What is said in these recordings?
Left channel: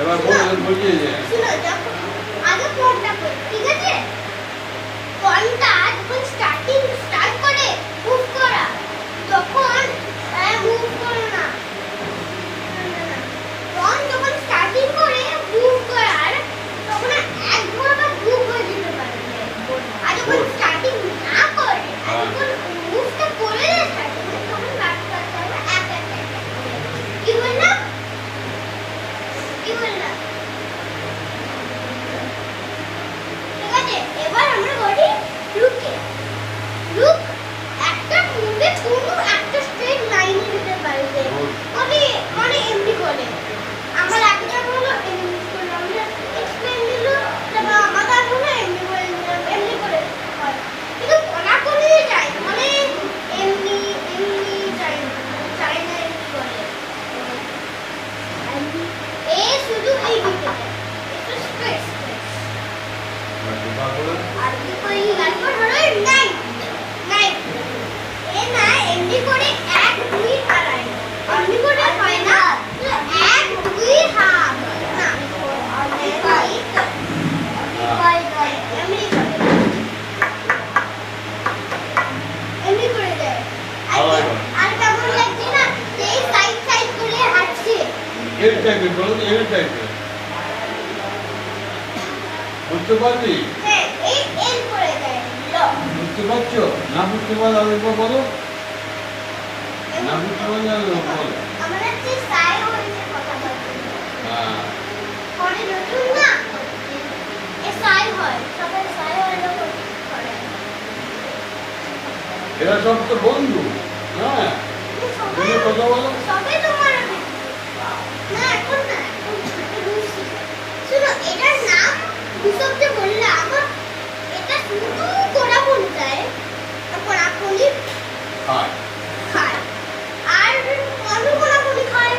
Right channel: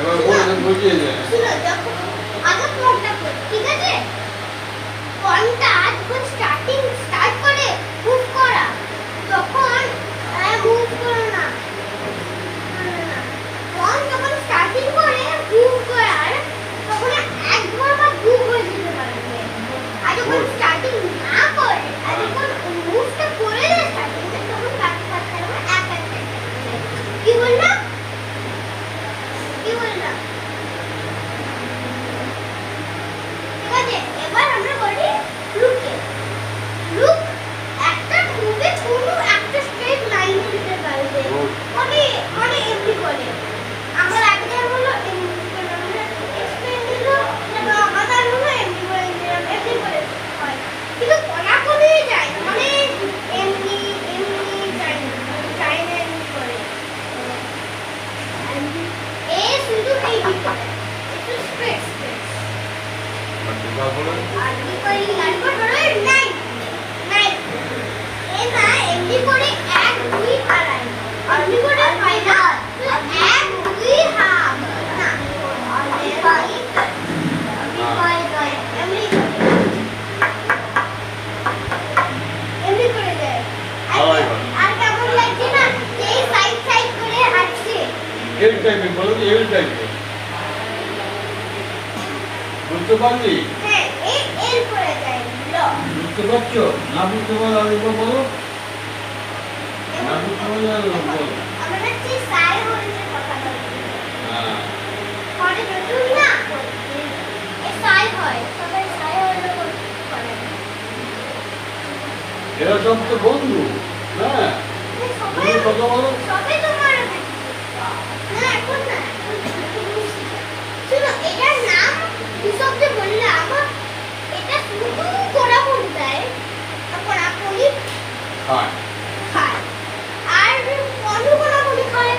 এবার বুঝিয়ে যায়। শুনো, যখন আগে ফোনটা করো, ঠিক আছে? ফোনটা যখন স্টার্ট করে মুভ করা, তখন মুভ করো না। ফোন যখন স্টার্টিং করে মুভ করার, তখন এক ধর বা দু হয়ে যেতে পারবে। আর যখন স্টার্টিং না করে, আর যখন মুভটা করে থাকে, তখন ব্যাক করতে হবে এক এক এক। কি বললাম? কি বললাম? ঠিক আছে, এবার আমরা বলি লুকে। লুক একটা মুভে কোনো একটা স্ট্রেট লাইনে দিতে পারবে, মানে এমনি করে। আমার একজন হলো এমনি করে, আমরা এক্সপ্লেন দিল, তারপর আমাদের হলো এমনি করে, এমনি করে হয়। কিন্তু কোনাকুনি যায়, মানে এমনি যায় না, এমনি করে। এ শুধু এই দিকে যায়, একটু স্ট্রেট স্ট্রেট। আর কি করি, তারপর হলো নাই নাই। এ না এমনি করে 1 2 আড়াই, এমনি করে হয় না, 1 2 হাফ না, এমনি করে এমনি করে যায়। আর কেমন লাগছে না, এই সাইড সাইড করে হাঁটছে। এই টাইপের বলো, এই টাইপের বুঝতে পারলি? হ্যাঁ, এর করে দেয় ল। বুঝতে পারছো? না বুঝতে পারলে আরেকবার বলো। না বুঝতে পারলে আরেকবার বলো। আমরা হচ্ছে সাই হচ্ছে কথা বলছি। হ্যাঁ, পরে নতুন না এ সাই হয়, সবাই সাই হলো করে। এরা সব তো বন্ধু। হ্যাঁ, সবাই কথা বলো। সবাই তোমার না, এখন না, শুনো, এটার নাম দুশব্দে বললাম। এটা শুধু কোরা বলতায়, কোরা কোনি হ্যাঁ, খায়, আর কোন কোনি খায়।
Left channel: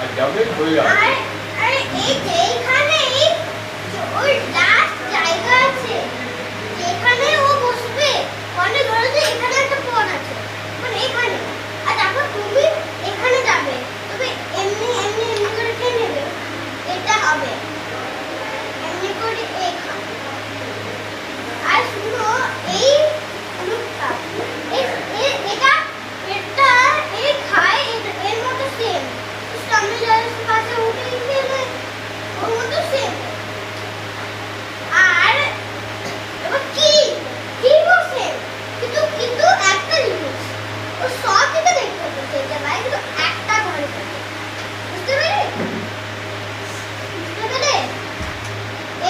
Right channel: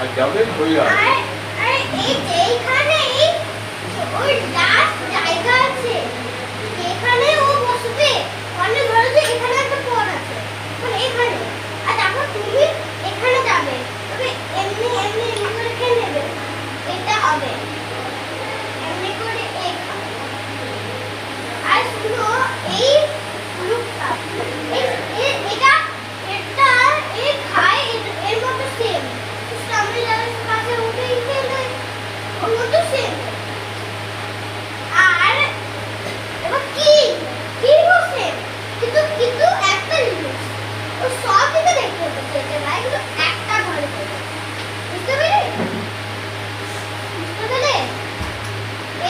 আর যাবে হয়ে যাবে। আর আর এই যেখানেই ওই লাস্ট জায়গা আছে, যেখানে ও বসবে, মানে ধরো যে এখানে একটা পথ আছে, মানে এখানে, আর তারপর তুমি এখানে যাবে, তবে এমনি এমনি এমনি করে খেয়ে নেবে, এটা হবে এমনি করে এখানে। আর শুনো, এই লুকটা এটা এই খায়, এর মতো সেম সামনে যাওয়ার কাছে উঠে খেলে ওর মতো সেম। আর এবার কি বসে, কিন্তু একটা জিনিস, ও সব কিছু দেখতে পেতে পারে, কিন্তু একটা ঘরে থাকে। বুঝতে পেরে?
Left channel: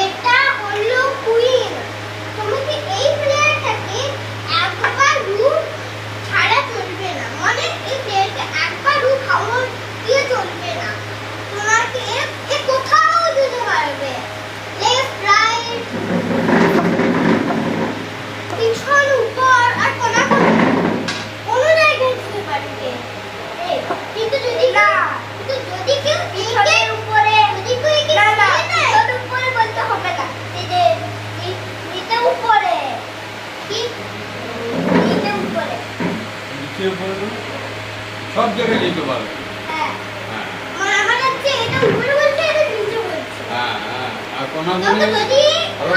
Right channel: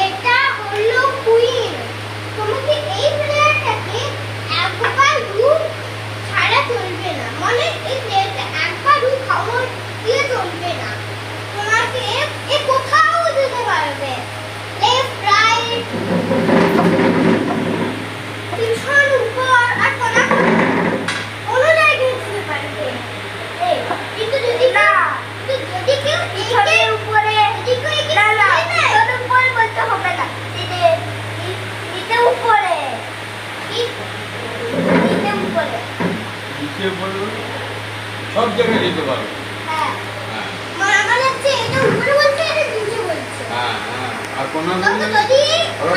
এটা হলো কুইন। তোমাকে এই প্লেয়ারটাকে একবার রুম ছাড়া চলবে না, মানে এই প্লেয়ারকে একবার রুম খাওয়া দিয়ে চলবে না। তোমাকে এ কোথাও যেতে পারবে, লেফট রাইট, পিছন উপর, আর কোনো জায়গায় যেতে পারবে। কিন্তু যদি কেউ পিছনের উপরে, যদি কেউ পিছনের উপরে বলতে হবে না, এটা উপরে, কি এটা উপরে, নিচে বলবো, সব জায়গায় নিতে পারবে। হ্যাঁ, হ্যাঁ, আমার হচ্ছে এটা উপরে বলছে, এটা নিচে বলছে। হ্যাঁ, হ্যাঁ, আর তবে যদি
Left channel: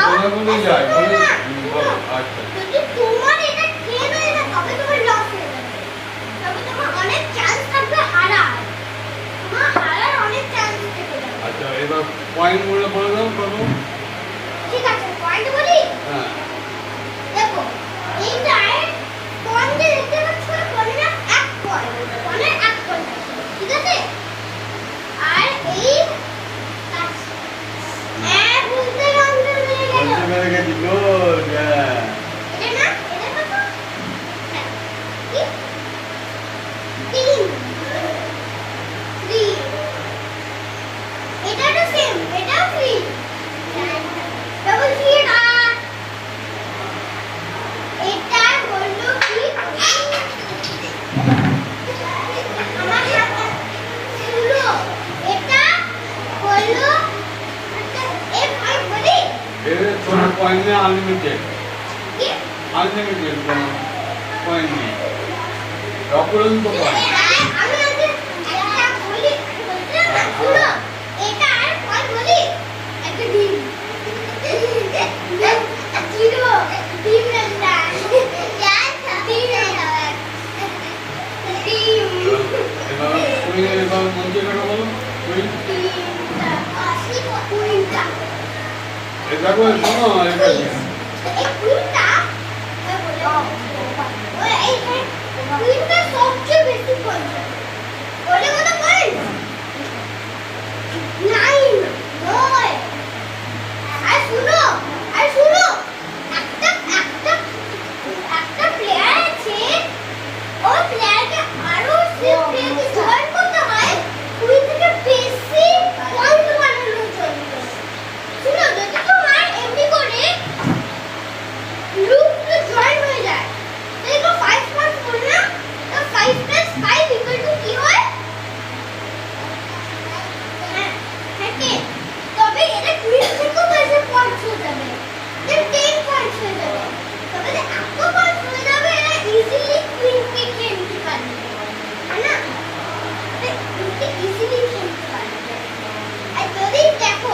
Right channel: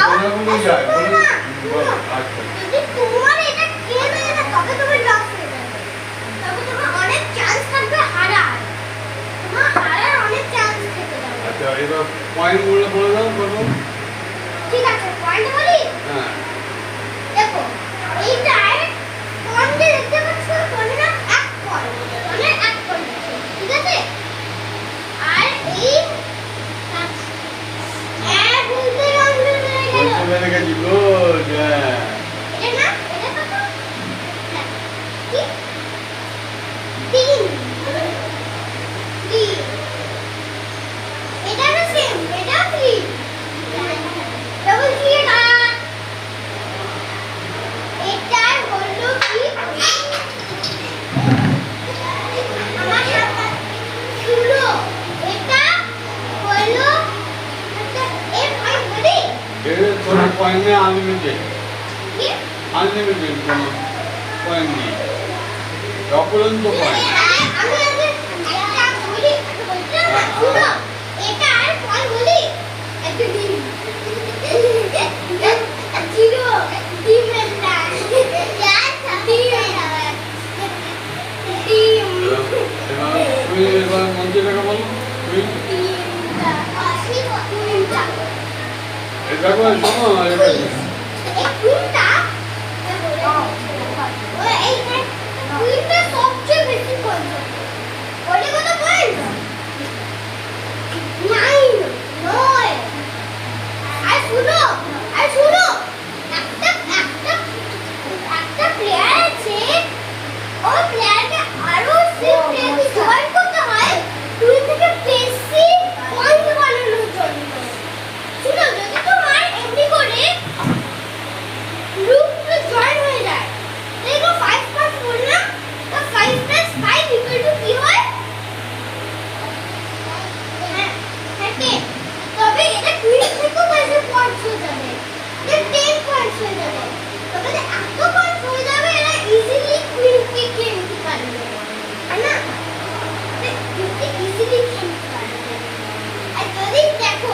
কোনাগুলি যায় বলে শুনো, আচ্ছা, যদি তোমার এটা খেয়ে নেয় না, তবে তোমার লস হয়ে যাবে, তবে তোমার অনেক চান্স থাকবে হারার, তোমার হারার অনেক চান্স থেকে যাবে। আচ্ছা, এবার পয়েন্টগুলো বলে দাও বলো। ঠিক আছে, পয়েন্ট বলি। হ্যাঁ, দেখো, এইটার পয়েন্ট দেখতে পাচ্ছ, পয়েন্ট না 1 পয়েন্ট, পয়েন্ট 1 পয়েন্ট আছে, ঠিক আছে? আর এই বলতে রাউন্ডে বেড়ে গেল, বলতে পেরে গেছি, গুড। এটা না, এটা কত? হ্যাঁ, কি 3 এটারও সেম, এটা 3 ডবল 3 এটা হলো কি, আমার সাথে শুনো, এটা হলো F5 বলি তোর পয়েন্ট নিয়ে আনলিমিটেড, কি আনলিমিটেড কোনো পয়েন্ট নেই, অপরন্ত পয়েন্ট। আমি আগে একটা বলি, বলছিলাম না, শুনো, এটার এই দেখো শোনো এটা কি? এই কুইনটা ওই এই কুইনটা সবচেয়ে বেশি পয়সা